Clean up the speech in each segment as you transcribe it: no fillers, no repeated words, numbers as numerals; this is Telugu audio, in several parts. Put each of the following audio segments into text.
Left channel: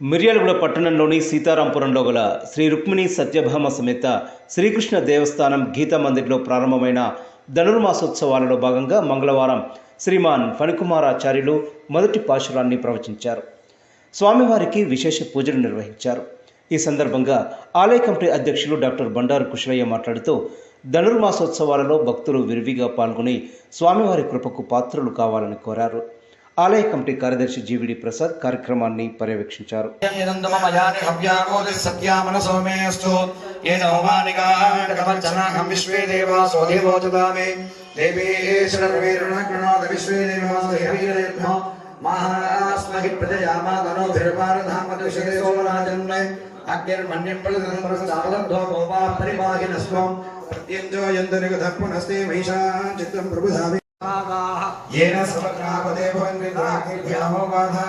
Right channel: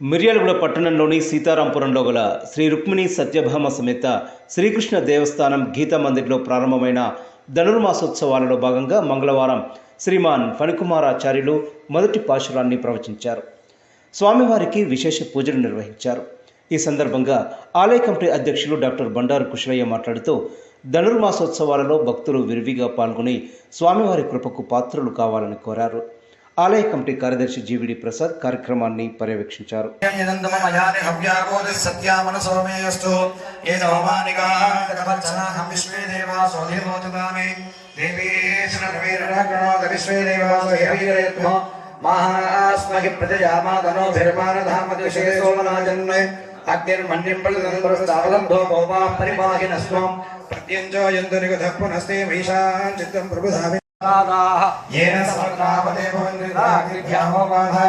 మిర్యాలగూడ పట్టణంలోని సీతారాంపురంలో గల శ్రీ రుక్మిణి సత్యభామ సమేత శ్రీకృష్ణ దేవస్థానం గీతా మందిర్లో ప్రారంభమైన ధనుర్మాసోత్సవాలలో భాగంగా మంగళవారం శ్రీమాన్ ఫణికుమారాచార్యులు మొదటి పాశురాన్ని ప్రవచించారు. స్వామివారికి విశేష పూజలు నిర్వహించారు. ఈ సందర్భంగా ఆలయ కమిటీ అధ్యక్షులు డాక్టర్ బండారు కుశలయ్య మాట్లాడుతూ ధనుర్మాసోత్సవాలలో భక్తులు విరివిగా పాల్గొని స్వామివారి కృపకు పాత్రులు కావాలని కోరారు. ఆలయ కమిటీ కార్యదర్శి జీవిడి ప్రసాద్ కార్యక్రమాన్ని పర్యవేక్షించారు. येन समर्पणापते भवन्ति बाधा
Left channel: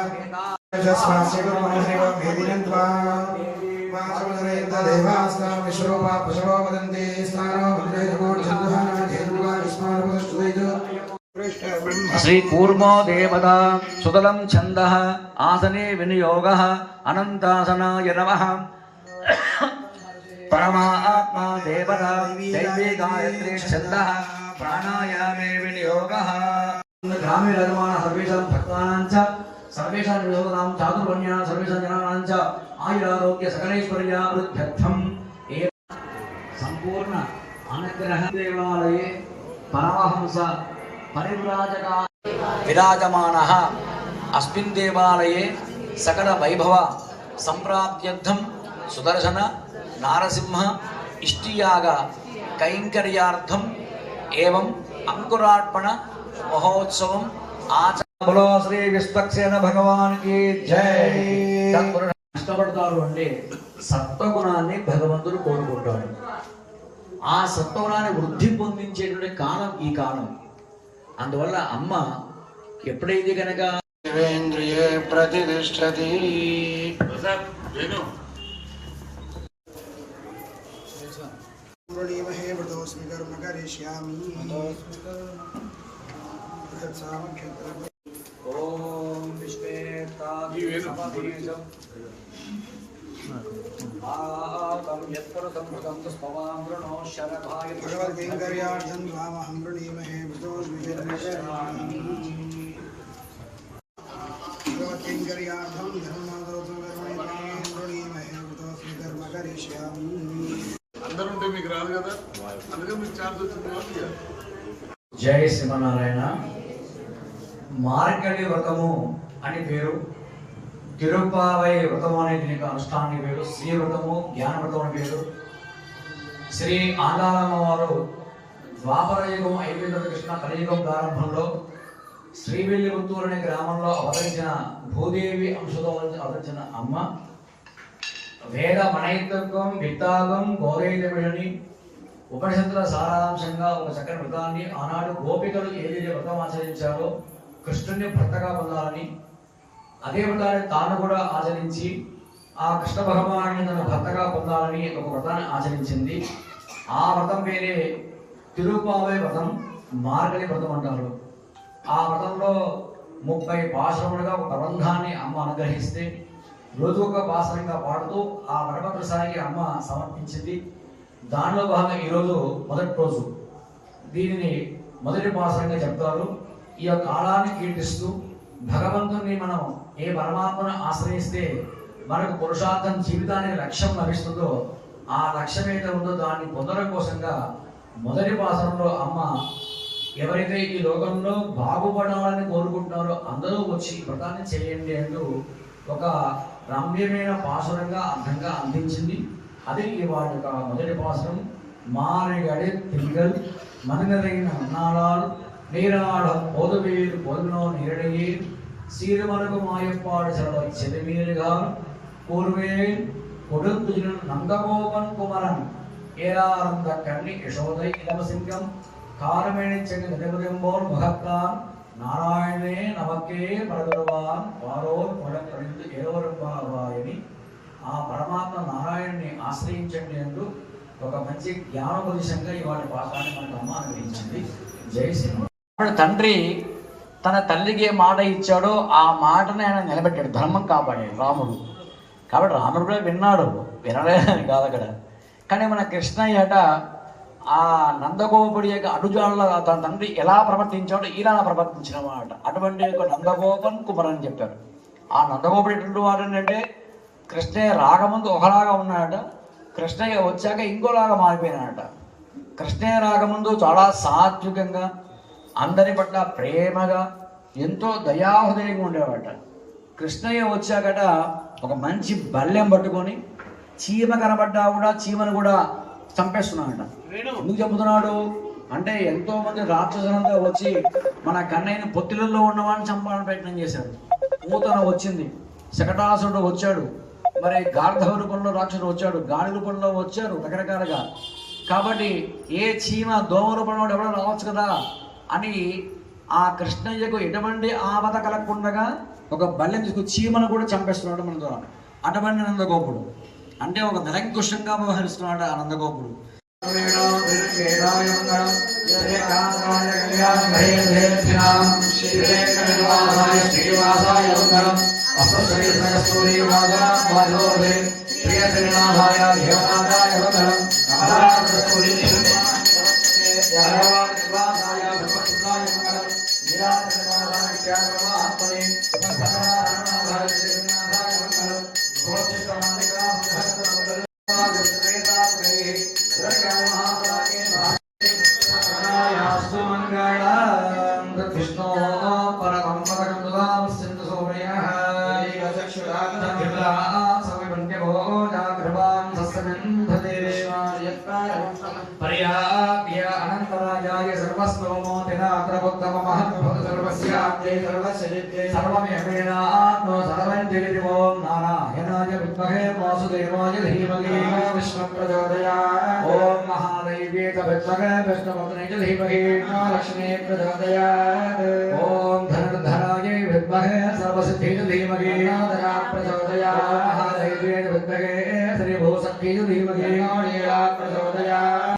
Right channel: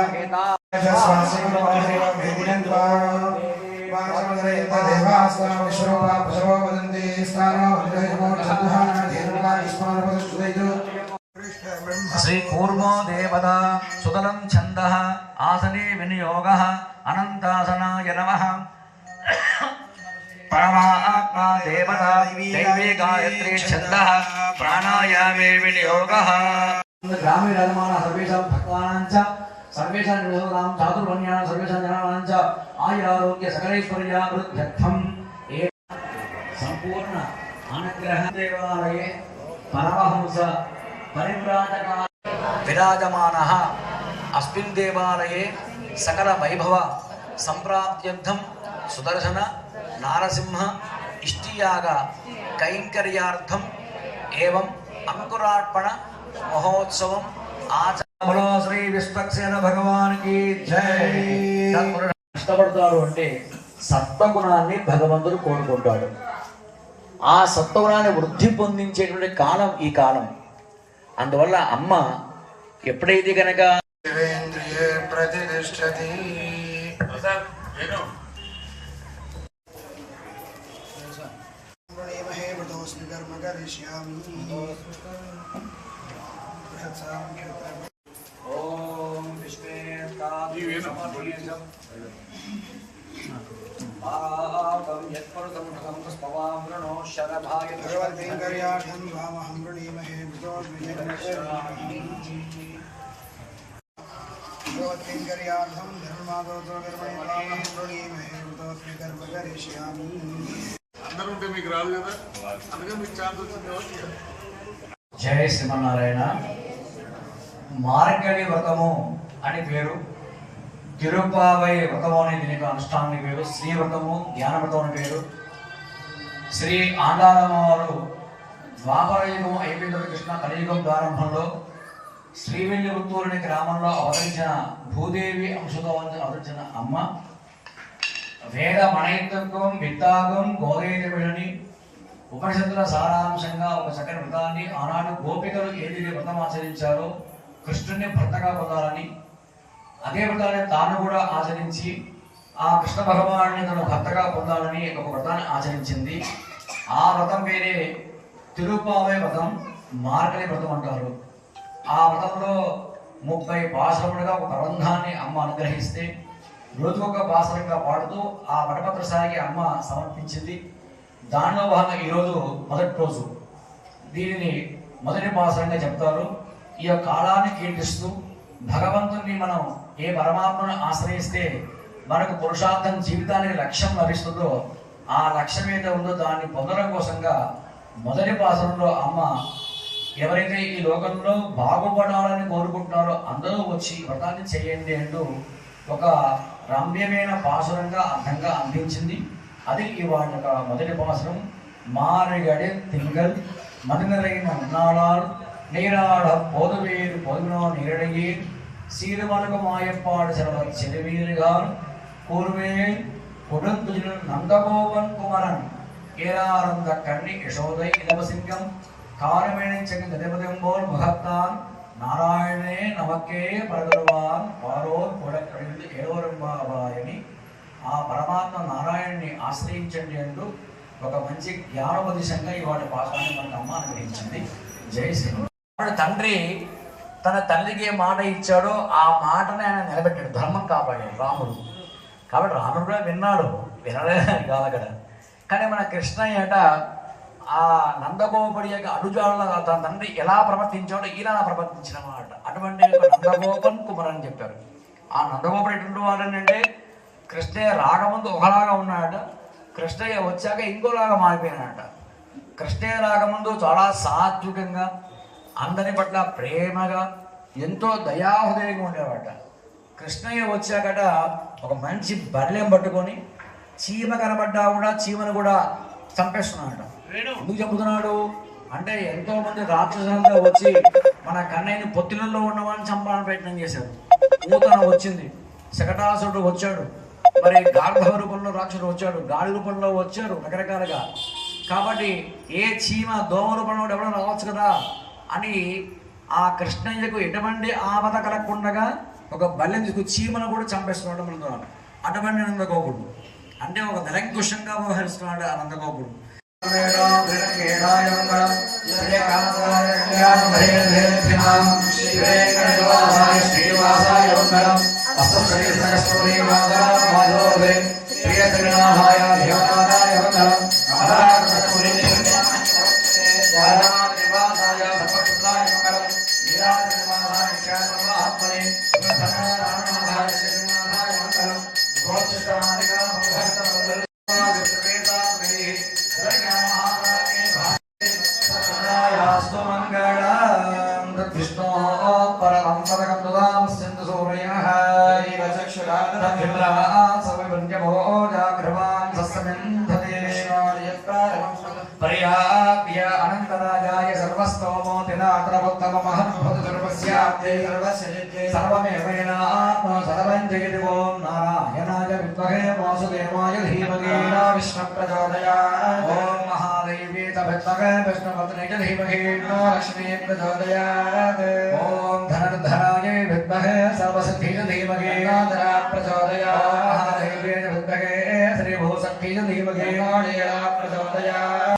यशस्वास्य गुरुवासिनो भेदिनन्त्वा मासमदनयन्त देवास्तनो विश्वरूपा पशवो वदन्ति स्नानो वन्दयमो छन्दः धेनुवा युष्मानपदष्टुदैजो श्री कूर्मो देवता सुतलं छन्दः आसने विनियोगः अनन्तासनाय नमः परमात्मा देवता दैवी गायत्री छन्दः प्राणायामे विनियोगः ग्रामीण निर्माण सर्वेषां भक्तानां च सर्वेषां निर्वोधानां चातुर्वर्ण्यानां सर्वेषां जनानां च आयुरारोग्य सकलैश्वर्यावृद्ध्यर्थं संपूर्ण अनुग्रह देवालये परमहंस परिव्राजका विराजमानः अस्मिन् देवालये सकल वैभव संप्राप्त्यर्थं सुदर्शन नारसिंह इष्टियाग कैंकर्यार्थम एवं अंकुरार्पण महोत्सवम आचरण बोलो श्री विश्वक्सेन भगवान की जय. కష్టపడతాడు అంటే సత్వగుణాన్ని భగవంతుడు కోరుకుంటాడు. ఆ సత్వగుణాన్ని వృద్ధి పొందించేటువంటి కాలం ఈ కాలం. అందువల్ల అమ్మ ఎప్పుడైతే కనుక ప్రతిష్టతి प्रणीमहे व्रतोऽस्मि कर्म करिष्यामि ॐ विश्वेत्ताभिसमभीजम् पाकं यत्पुरुषं भृतं स्मवां वृणो शरभाय भगवद्वेङ्कर्यार्थं द्वामहं वृणीमहे व्रतोऽस्मि कर्म करिष्यामि भगवद्वेङ्कर्यार्थं धर्मादोत्तरकर्मणि द्वामहं वृणीमहे व्रतोऽस्मि कर्म करिष्यामि. జయ శ్రీమన్నారాయణ. మార్గలి వ్రతము అని పేరు, తిరుపావై వ్రతము అనే దీనికి అనుష్ఠానానికి పేరు, శ్రీ వ్రతము జ్ఞాన వ్రతం అని పేరు. శ్రీ ఆండాలమ్మ వారు ద్వాపర యుగం అయిపోయిన కృష్ణ కలియుగం ప్రారంభంలో శ్రీవిల్లిపుత్తూరు అనే గ్రామంలో అవతరించిన భూదేవి అంశతో అవతరించిన అమ్మ వేద మణయిత్వం విత్తాగం గోదయని ఉపనిషత్తుల సారాంశంగా ఒక చక్కని వ్రతాన్ని ఆనాడు గోపికలు ఏదైతే వ్రతం ఆచరించారో కృష్ణుని భర్తగా పొందాలని, అదే వ్రతాన్ని తాను కూడా ఆచరించి ఆ కృష్ణ భగవాన్ని తన భర్తగా పొందాలని ఒక వ్రతాన్ని ఆచరించింది. ఆ వ్రతం పేరే తిరుపావై వ్రతం, మార్గలి వ్రతం అంటారు. ఆ వ్రతంలో 30 పాశురములుగా ఒక ప్రబంధాన్ని అమ్మ అనుగ్రహిస్తే రోజుకొక పాసరంగా పాడుతూ ఆ వటపత్ర సాగి అమ్మ సమర్పించింది. దానిలో భాగంగా ఈరోజు మొదటి రోజు దీనిని మొదటి పాసరంగా చెప్తారు. ఈ యొక్క కాలాన్ని కీర్తిస్తూ భగవంతుని మనం ఏ పరమాత్మను ఆశ్రయిస్తే మనకు పురుషార్థం జీవితానికి లక్ష్యం లభిస్తుందో ఆ లక్ష్యం ఏదైతే ఉందో దాన్ని పొందడం కోసంగా మొదటి పాసరంలో అమ్మ ఎవరైతే ఈ లోకంలో బాగుపడాలని కోరుకుంటున్నారో అందరూ వచ్చి వ్రతాన్ని చేయండి అంటూ ఒక రమ్యమైన పాసరంగా అర్థంగా అందించింది. అది ఇవాళ మొదటి పాసరం. మారిగడి తింగల్ మదినరైన ఉన్నాడాలు నీరాడ పోదువేరు పొదునో నీరడయ్యే సీరుమనకు మాయప్పాడు సెలవు చెలివీరుగాను కూర్వేల్ కొడుంతుజులు నందగోపన్ కుమరన్ ఏరారంద కర్ణి యశోదై ఇలవసింగం కారమేణించని గతిపతింబోల్ మహత్తాన్ నారాయణే నమకే పరదరువాన్ వారో కొడకడిందు ఏరోరంబావాయని ఆ పరమాత్మ నారాయణని ఆశ్రయించండి అంటూ ఒక మంచి జ్ఞానోపదేశంగా ఇవాళ పాఠాన్ని మనకు అమ్మ అనుగ్రహించింది. జై శ్రీరామ్. తండ్రి తన తల్లికి ఏ మాట ఇచ్చాడో ఆ మాటని ఆయన నిలబెట్టాడు, ధర్మం కాపాడాడు రాముడు. కాబట్టి రాముడు కూడా విన్నాడు, వినలేదని కాదు అక్కడ. కానీ మన కృష్ణయ్యట ఆ నందగోపుడి యొక్క అనుజాలలో తన తండ్రి ఎలా ప్రవర్తించాడో ఇలా ప్రవర్తించిన మాట. అటువంటి యొక్క నందగోపన్ కుమారని చెప్పారు. ఆ నందగోపుడు ఎటువంటి వాడు ఏంటంటే కృష్ణయ్య రాకముందు ఒకలాగా ఉన్నాడట, కృష్ణయ్య వచ్చాక ఇంకోలాగా మారిపోయినాడట. కృష్ణయ్య రాకముందు చాలా సాత్వికంగా, అందరి పట్ల ప్రేమగా, ఎంతో దయాహృదయంగా ఉండేవాట. కృష్ణయ్య వచ్చాకట ఒక మంచి బల్యం పట్టుకొని చీమ కనబడ్డా కూడా చీమను కూడా చంపేస్తున్నాడట. ఎందుకు చెబుతున్నాడు అంటే ఎంతో మంది రాక్షసులంతా వచ్చి మన కన్నయ్యని పొత్తిళ్ళలో ఉన్నవాడిని చంపాలని ప్రయత్నం చేశారు. పూతన వచ్చింది, శకటాసురుడు వచ్చాడు, మరి గార్ధవ రూపంలో రాక్షసుడు వచ్చాడు, గాడి రూపంలో వచ్చారు, రకరకాలుగా. కాబట్టి ఏ చీమ దోమ రూపంలో ఎవడో రావచ్చు కదా అని ఆ కృష్ణయ్యకు ఎటువంటి ఆపద కలగకుండా ఒక బల్యం తీసుకు చీమను కూడా చంపేస్తున్నాడు మన ద్వారా. అటువంటి నందగోపుడు అంటే ఒక నిరంకుశంగా వ్యవహరిస్తున్నాడు ఆ నందగోపుడు. కృష్ణో పరమం పదకం సింధు సోమయః పర్యాప్య అనంతరాజాయ నారాయణాయ విద్మహే వాసుదేవాయ ధీమహి విష్ణు ప్రచోదయాత్. ఓం మహాదేవ్యే చ విద్మహే విష్ణుపత్నే చ ధీమహి లక్ష్మీ ప్రచోదయాత్. ఓం ధనుర్ధరాయ విద్మహే సర్వసిద్ధి చ ధీమహి ధనా ప్రచోదయాత్. మహాదేవ్యే చ విద్మహే శ్రీ భూశక్తి చ ధీమహి ప్రచోదయాత్.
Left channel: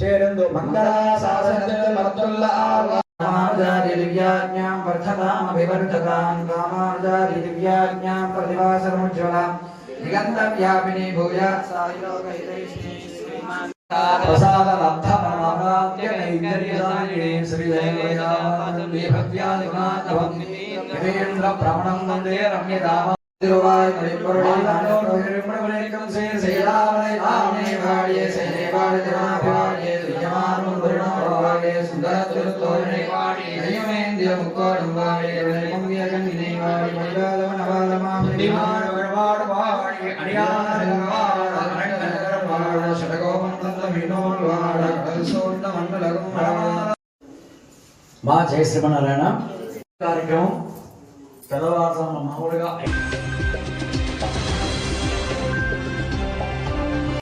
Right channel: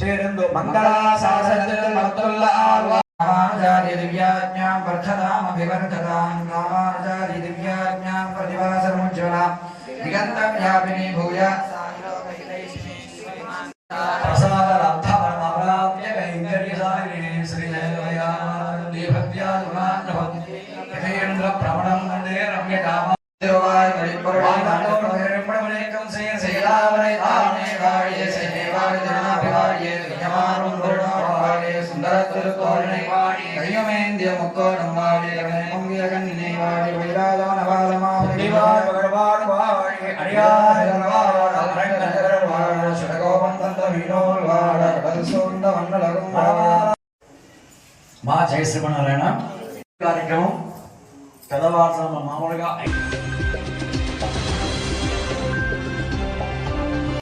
చేరందు మంగళాసారజ్ఞాం వర్ధతాం అభివర్ధతాం కామాచారి దివ్యాజ్ఞాం ప్రతివాసరముజ్వలాం దిగంత వ్యాపిని భూయాత్ ప్రవణం వందే రమ్యతామ మా జయ శ్రీమన్నారాయణ కార్యక్రమం తెల్లవారుజామున మామూలుగా